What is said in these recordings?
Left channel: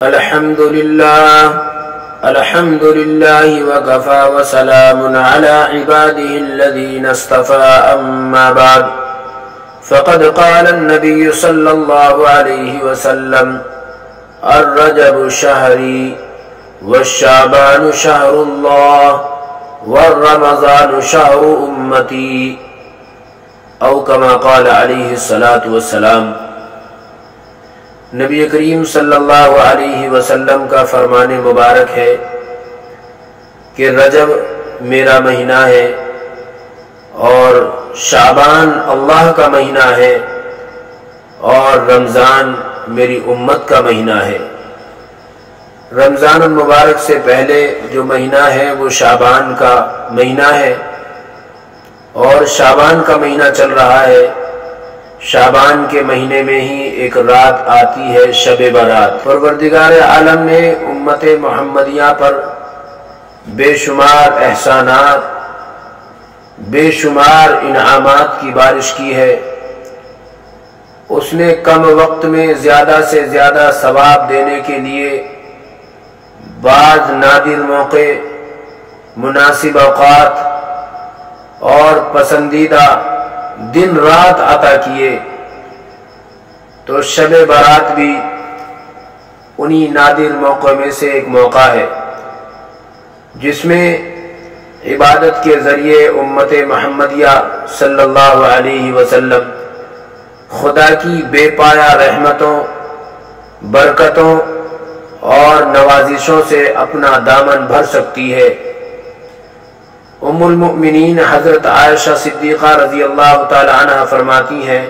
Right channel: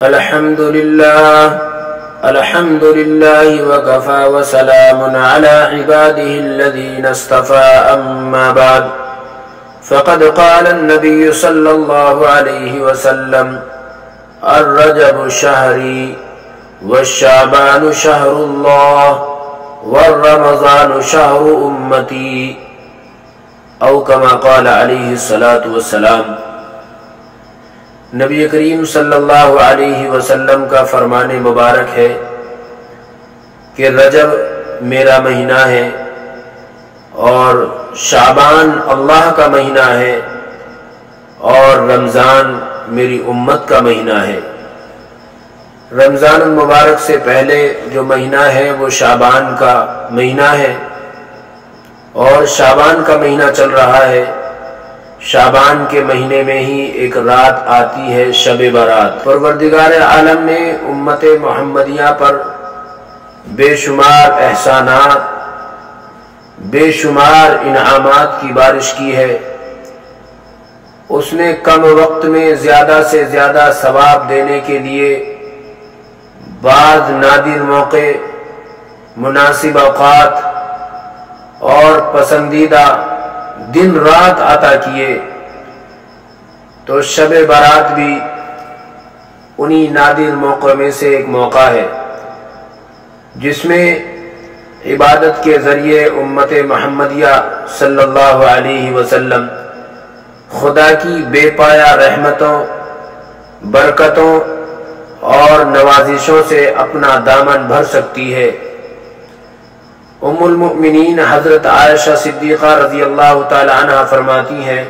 الحمد لله وكفى وسلام على عباده الذين اصطفى أما بعد فقد قال النبي صلى الله عليه وسلم الرجب شهري والشعبان شهر الله والرمضان شهر أمتي او كما قال عليه الصلاة والسلام۔ نبی کریم صلی اللہ علیہ وسلم کا فرمان مبارک ہے کہ رجب میرا مہینہ ہے اور شعبان اللہ کا مہینہ ہے اور رمضان میری امت کا مہینہ ہے۔ رمضان المبارک سے پہلے جو مہینہ ہے وہ شعبان کا مہینہ ہے اور شعبان کا مہینہ چل رہا ہے۔ شعبان کے مہینے میں ہی ایک رات آتی ہے شب برات۔ پروردگار عالم نے امت محمدیہ پر بے شمار احسانات، بے شمار انعامات کی بارش کی ہے۔ اس نے کم وقت میں زیادہ سے زیادہ ثواب دینے کے لیے بعض نادر موقع، مناسب اوقات اور پسندیدہ دن رات عطا کیے، تو شب برات بھی انہی نادر موقع میں سے ایک موقع ہے جس میں عبادت کے ذریعے امت محمدیہ صلی اللہ علیہ وسلم خدا کی بے پایا رحمتوں، برکتوں اور نوازشوں سے اپنا دامن بھر سکتی ہے۔ ام المؤمنین حضرت عائشہ صدیقہ رضی اللہ تعالی عنہ فرماتی ہیں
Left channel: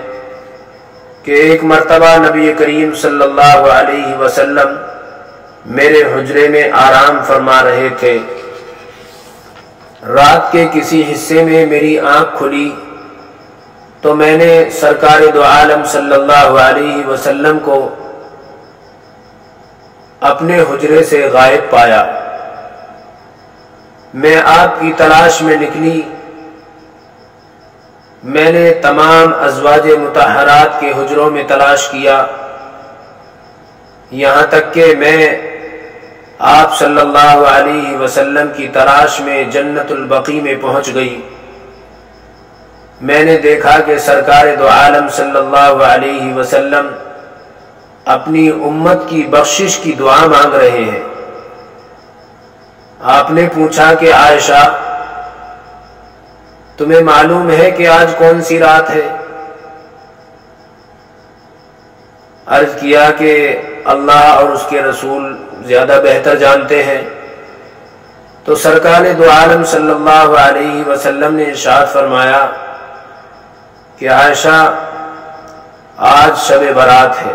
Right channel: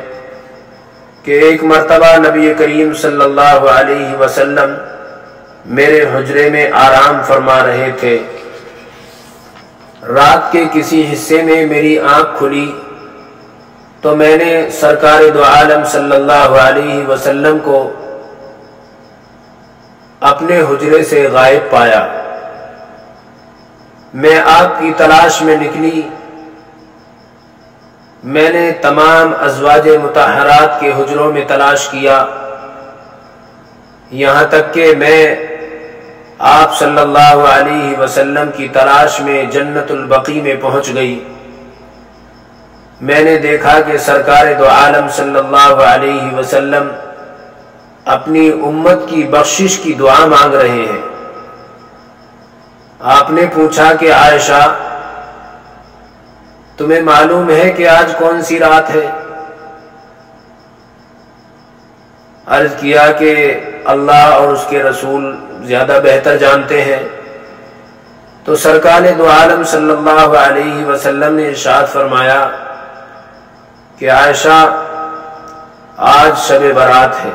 کہ ایک مرتبہ نبی کریم صلی اللہ علیہ وسلم میرے حجرے میں آرام فرما رہے تھے۔ رات کے کسی حصے میں میری آنکھ کھلی تو میں نے سرکار دو عالم صلی اللہ علیہ وسلم کو اپنے حجرے سے غائب پایا۔ میں آپ کی تلاش میں نکلی۔ میں نے تمام ازواج مطہرات کے حجروں میں تلاش کیا، یہاں تک کہ میں آپ صلی اللہ علیہ وسلم کی تلاش میں جنت البقیع میں پہنچ گئی۔ میں نے دیکھا کہ سرکار دو عالم صلی اللہ علیہ وسلم اپنی امت کی بخشش کی دعا مانگ رہے ہیں۔ آپ نے پوچھا کہ عائشہ، تمہیں معلوم ہے کہ آج کون سی رات ہے؟ عرض کیا کہ اللہ اور اس کے رسول زیادہ بہتر جانتے ہیں۔ تو سرکار دو عالم صلی اللہ علیہ وسلم نے ارشاد فرمایا کہ عائشہ، آج شب برات ہے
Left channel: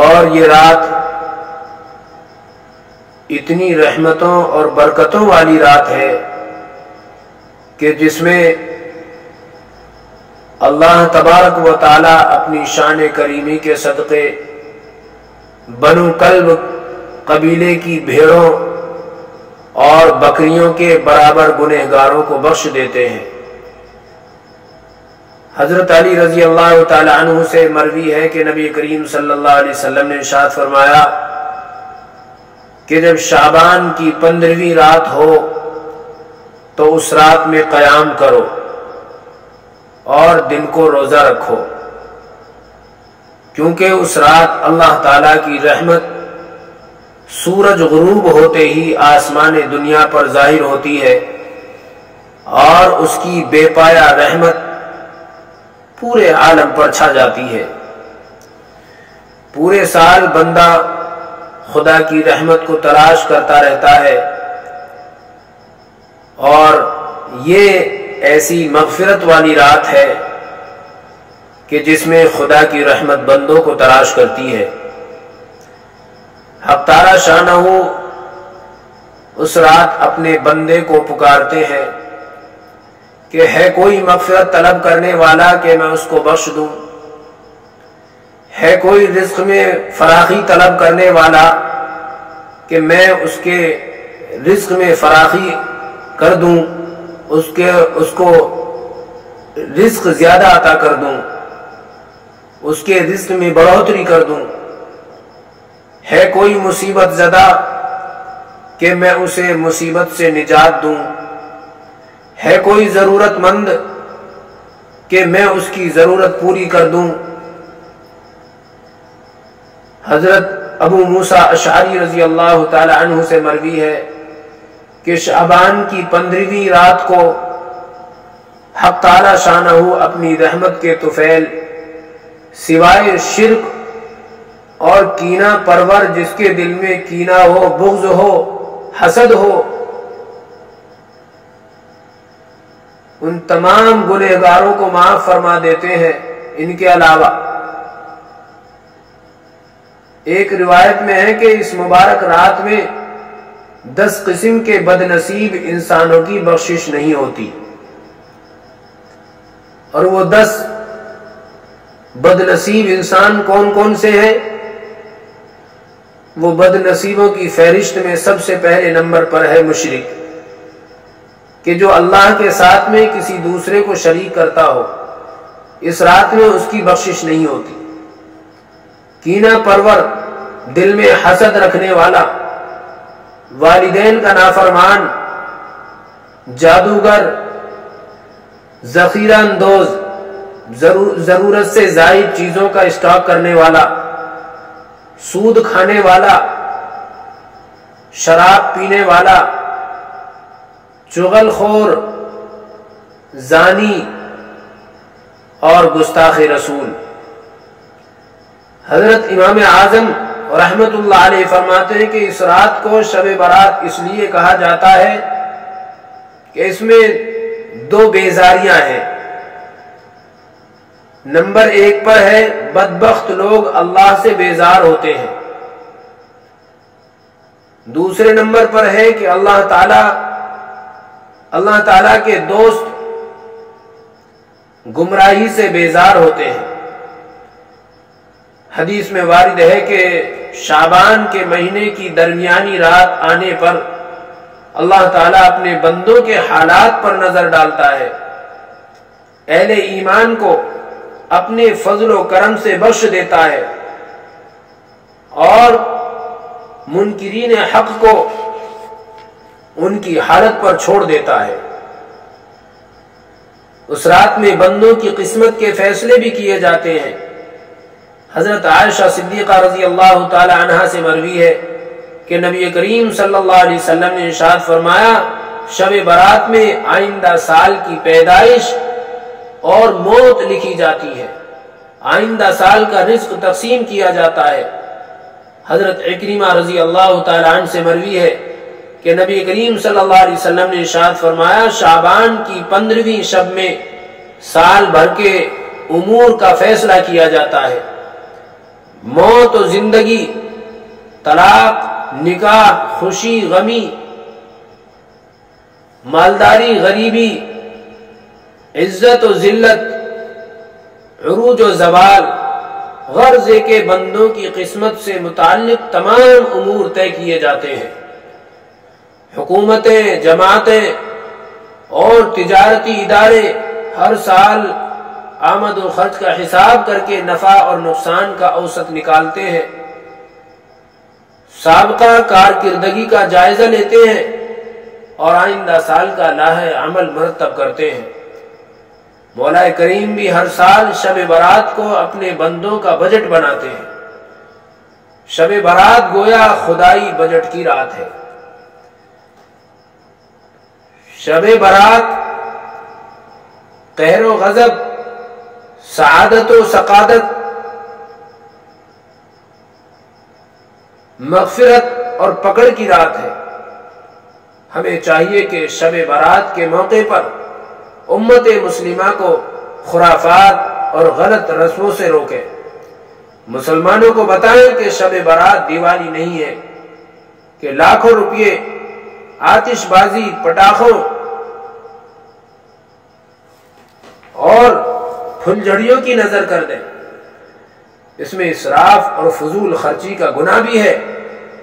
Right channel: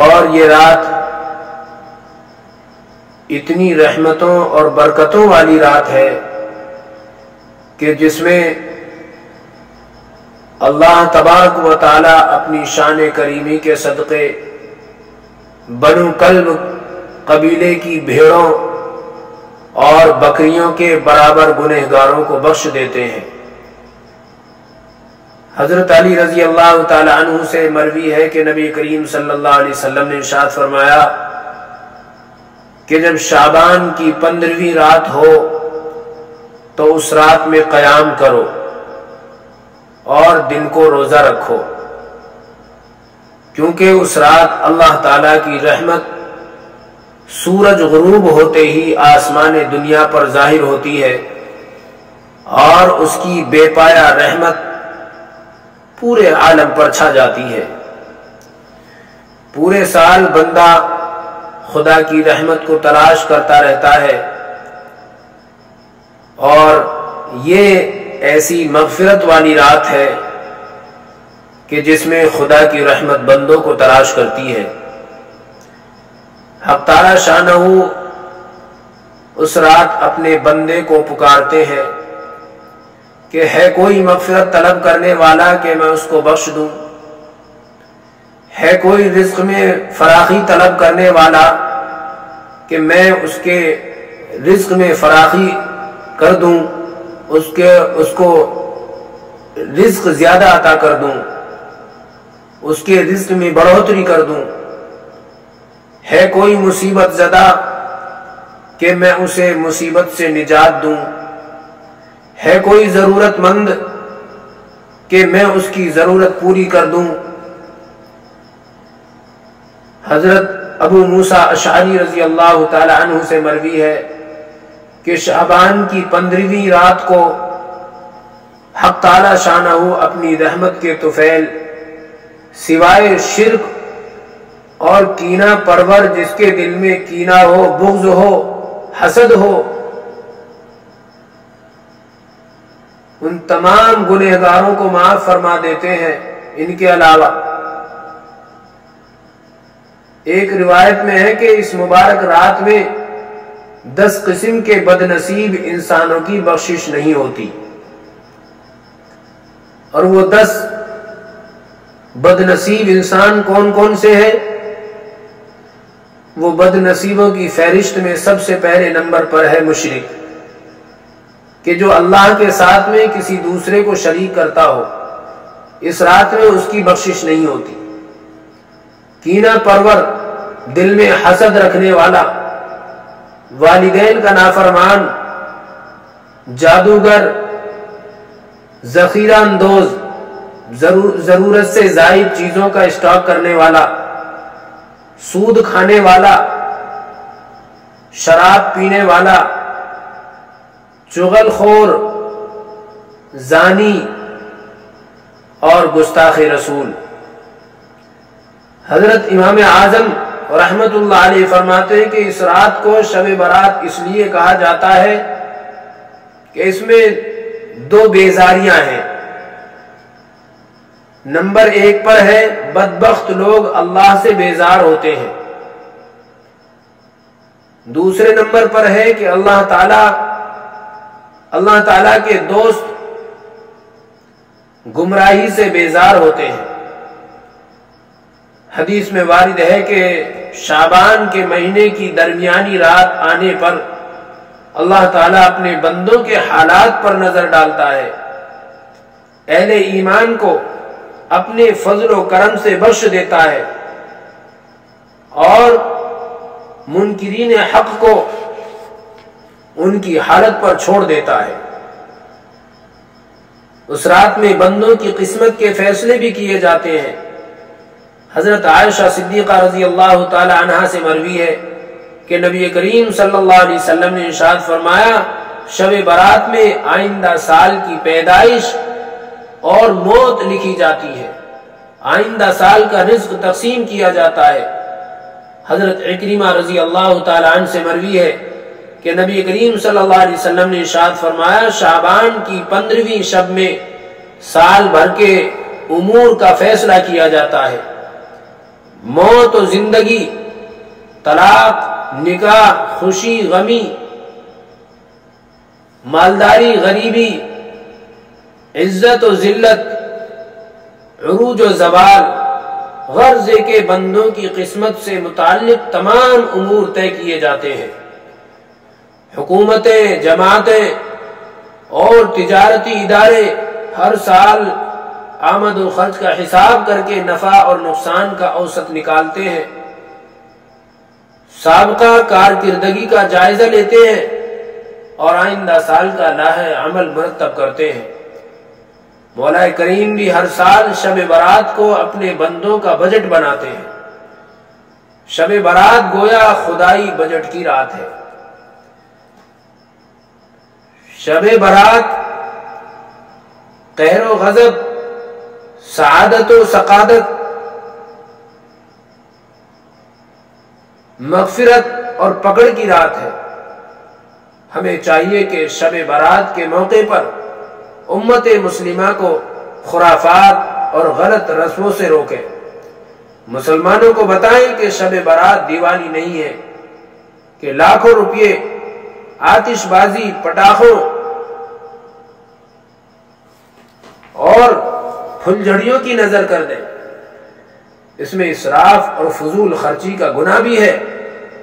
اور یہ رات اتنی رحمتوں اور برکتوں والی رات ہے کہ جس میں اللہ تبارک و تعالی اپنی شان کریمی کے صدقے بنو کلب قبیلے کی بھیڑوں اور بکریوں کے برابر گنہگاروں کو بخش دیتے ہیں۔ حضرت علی رضی اللہ تعالی عنہ سے مروی ہے کہ نبی کریم صلی اللہ علیہ وسلم نے ارشاد فرمایا کہ جب شعبان کی 15ویں رات ہو تو اس رات میں قیام کرو اور دن کو روزہ رکھو، کیونکہ اس رات اللہ تعالیٰ کی رحمت سورج غروب ہوتے ہی آسمان دنیا پر ظاہر ہوتی ہے اور اس کی بے پایا رحمت پورے عالم پر چھا جاتی ہے۔ پورے سال بندہ خدا کی رحمت کو تلاش کرتا رہتا ہے اور یہ ایسی مغفرت والی رات ہے کہ جس میں خدا کی رحمت بندوں کو تلاش کرتی ہے۔ حق تعالی شانہ اس رات اپنے بندے کو پکارتے ہیں کہ ہے کوئی مغفرت طلب کرنے والا کہ میں اس کو بخش دوں، ہے کوئی رزق میں فراخی طلب کرنے والا کہ میں اس کے رزق میں فراخی کر دوں، اس کو رزق زیادہ عطا کر دوں۔ اس کے رزق میں بڑھوتری کر دوں۔ ہے کوئی مصیبت زدہ کہ میں اسے مصیبت سے نجات دوں۔ ہے کوئی ضرورت مند کہ میں اس کی ضرورت پوری کر دوں۔ حضرت ابو موسیٰ اشعری رضی اللہ تعالی عنہ سے مروی ہے کہ شعبان کی 15ویں رات کو حق تعالی شانہ اپنی رحمت کے طفیل سوائے شرک اور کینہ پرور، جس کے دل میں کینہ ہو، بغض ہو، حسد ہو، ان تمام گنہگاروں کو معاف فرما دیتے ہیں۔ ان کے علاوہ ایک روایت میں ہے کہ اس مبارک رات میں 10 قسم کے بد نصیب انسانوں کی بخشش نہیں ہوتی، اور وہ 10 بد نصیب انسان کون کون سے ہیں؟ وہ بد نصیبوں کی فہرست میں سب سے پہلے نمبر پر ہے مشرک، کہ جو اللہ کے ساتھ میں کسی دوسرے کو شریک کرتا ہو، اس رات میں اس کی بخشش نہیں ہوتی۔ کینہ پرور، دل میں حسد رکھنے والا، والدین کا نافرمان، جادوگر، ذخیرہ اندوز، ضرورت سے زائد چیزوں کا اسٹاک کرنے والا، سود کھانے والا، شراب پینے والا، چغل خور، زانی اور گستاخ رسول۔ حضرت امام اعظم رحمت اللہ علیہ فرماتے ہیں کہ اس رات کو شب برات اس لیے کہا جاتا ہے کہ اس میں 2 بیزاریاں ہیں۔ نمبر 1 پر ہے بدبخت لوگ اللہ سے بیزار ہوتے ہیں۔ دوسرے نمبر پر ہے کہ اللہ تعالی کے دوست گمراہی سے بیزار ہوتے ہیں۔ حدیث میں وارد ہے کہ شعبان کے مہینے کی درمیانی رات آنے پر اللہ تعالیٰ اپنے بندوں کے حالات پر نظر ڈالتا ہے، اہل ایمان کو اپنے فضل و کرم سے بخش دیتا ہے اور منکرین حق کو ان کی حالت پر چھوڑ دیتا ہے۔ اس رات میں بندوں کی قسمت کے فیصلے بھی کیے جاتے ہیں۔ حضرت عائشہ صدیقہ رضی اللہ تعالی عنہا سے مروی ہے کہ نبی کریم صلی اللہ علیہ وسلم نے ارشاد فرمایا، شب برات میں آئندہ سال کی پیدائش اور موت لکھی جاتی ہے، آئندہ سال کا رزق تقسیم کیا جاتا ہے۔ حضرت عکرمہ رضی اللہ تعالی عنہ سے مروی ہے کہ نبی کریم صلی اللہ علیہ وسلم نے ارشاد فرمایا، شعبان کی 15ویں شب میں سال بھر کے امور کا فیصلہ کیا جاتا ہے۔ موت و زندگی، طلاق، نکاح، خوشی غمی، مالداری غریبی، عزت و ذلت، عروج و زوال، غرض کے بندوں کی قسمت سے متعلق تمام امور طے کیے جاتے ہیں۔ حکومتیں، جماعتیں اور تجارتی ادارے ہر سال آمد و خرچ کا حساب کر کے نفع اور نقصان کا اوسط نکالتے ہیں، سابقہ کارکردگی کا جائزہ لیتے ہیں اور آئندہ سال کا لاحق عمل مرتب کرتے ہیں۔ مولا کریم بھی ہر سال شب برات کو اپنے بندوں کا بجٹ بناتے ہیں۔ شب برات گویا خدائی بجٹ کی رات ہے۔ شب برات قہر و غضب، سعادت و سقادت، مغفرت اور پکڑ کی رات ہے۔ ہمیں چاہیے کہ شب برات کے موقع پر امت مسلمہ کو خرافات اور غلط رسموں سے روکے، مسلمانوں کو بتائیں کہ شب برات دیوالی نہیں ہے، کہ لاکھوں روپے آتش بازی، پٹاخوں اور پھلجھڑیوں کی نظر کر دیں۔ اس میں اسراف اور فضول خرچی کا گناہ بھی ہے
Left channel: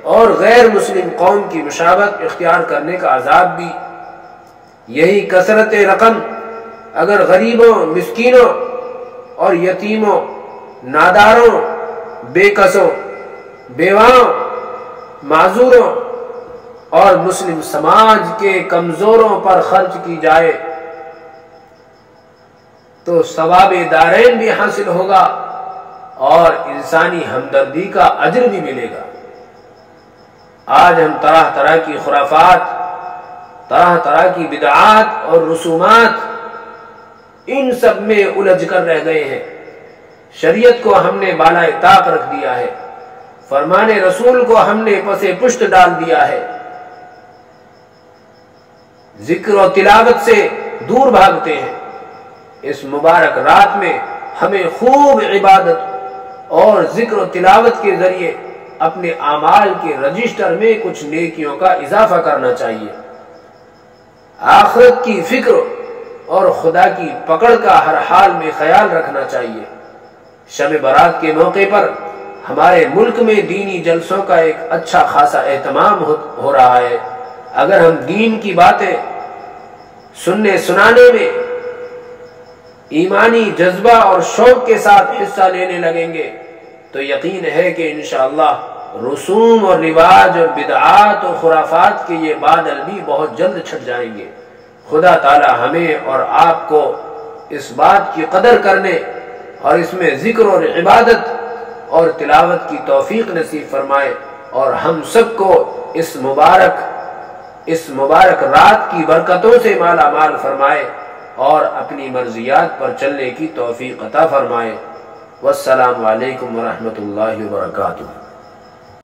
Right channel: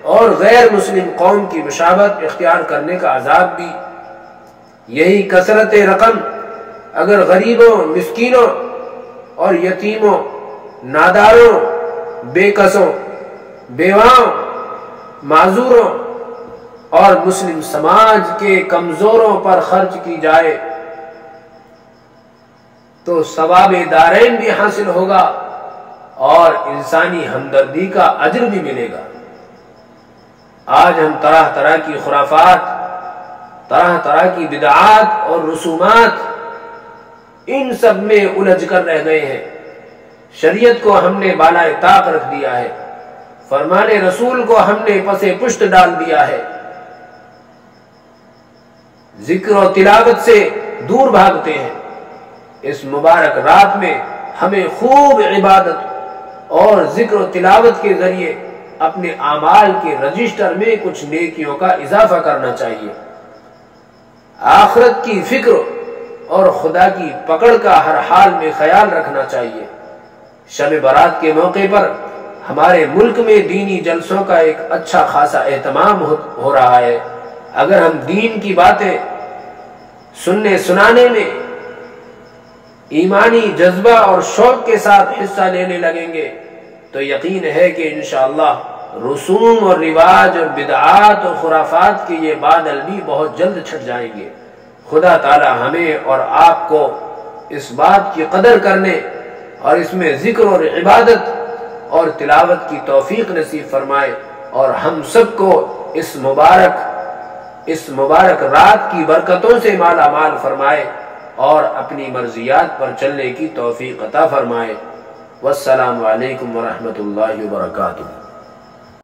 اور غیر مسلم قوم کی مشابہت اختیار کرنے کا عذاب بھی۔ یہی کثرت رقم اگر غریبوں، مسکینوں اور یتیموں ناداروں، بے کسوں، بیواؤں، معذوروں اور مسلم سماج کے کمزوروں پر خرچ کی جائے تو ثواب دارین بھی حاصل ہوگا اور انسانی ہمدردی کا اجر بھی ملے گا۔ آج ہم طرح طرح کی خرافات، طرح طرح کی بدعات اور رسومات، ان سب میں الجھ کر رہ گئے ہیں۔ شریعت کو ہم نے بالائے طاق رکھ دیا ہے، فرمان رسول کو ہم نے پسے پشت ڈال دیا ہے، ذکر و تلاوت سے دور بھاگتے ہیں۔ اس مبارک رات میں ہمیں خوب عبادت اور ذکر و تلاوت کے ذریعے اپنے اعمال کے رجسٹر میں کچھ نیکیوں کا اضافہ کرنا چاہیے۔ آخرت کی فکر اور خدا کی پکڑ کا ہر حال میں خیال رکھنا چاہیے۔ شب برات کے موقع پر ہمارے ملک میں دینی جلسوں کا ایک اچھا خاصا اہتمام ہو رہا ہے۔ اگر ہم دین کی باتیں سننے سنانے میں ایمانی جذبہ اور شوق کے ساتھ حصہ لینے لگیں گے تو یقین ہے کہ انشاءاللہ رسوم اور رواج اور بدعات اور خرافات کے یہ بادل بھی بہت جلد چھٹ جائیں گے۔ خدا تعالی ہمیں اور آپ کو اس بات کی قدر کرنے اور اس میں ذکر اور عبادت اور تلاوت کی توفیق نصیب فرمائے، اور ہم سب کو اس مبارک رات کی برکتوں سے مالا مال فرمائے اور اپنی مرضیات پر چلنے کی توفیق عطا فرمائے۔ والسلام علیکم ورحمۃ اللہ وبرکاتہ۔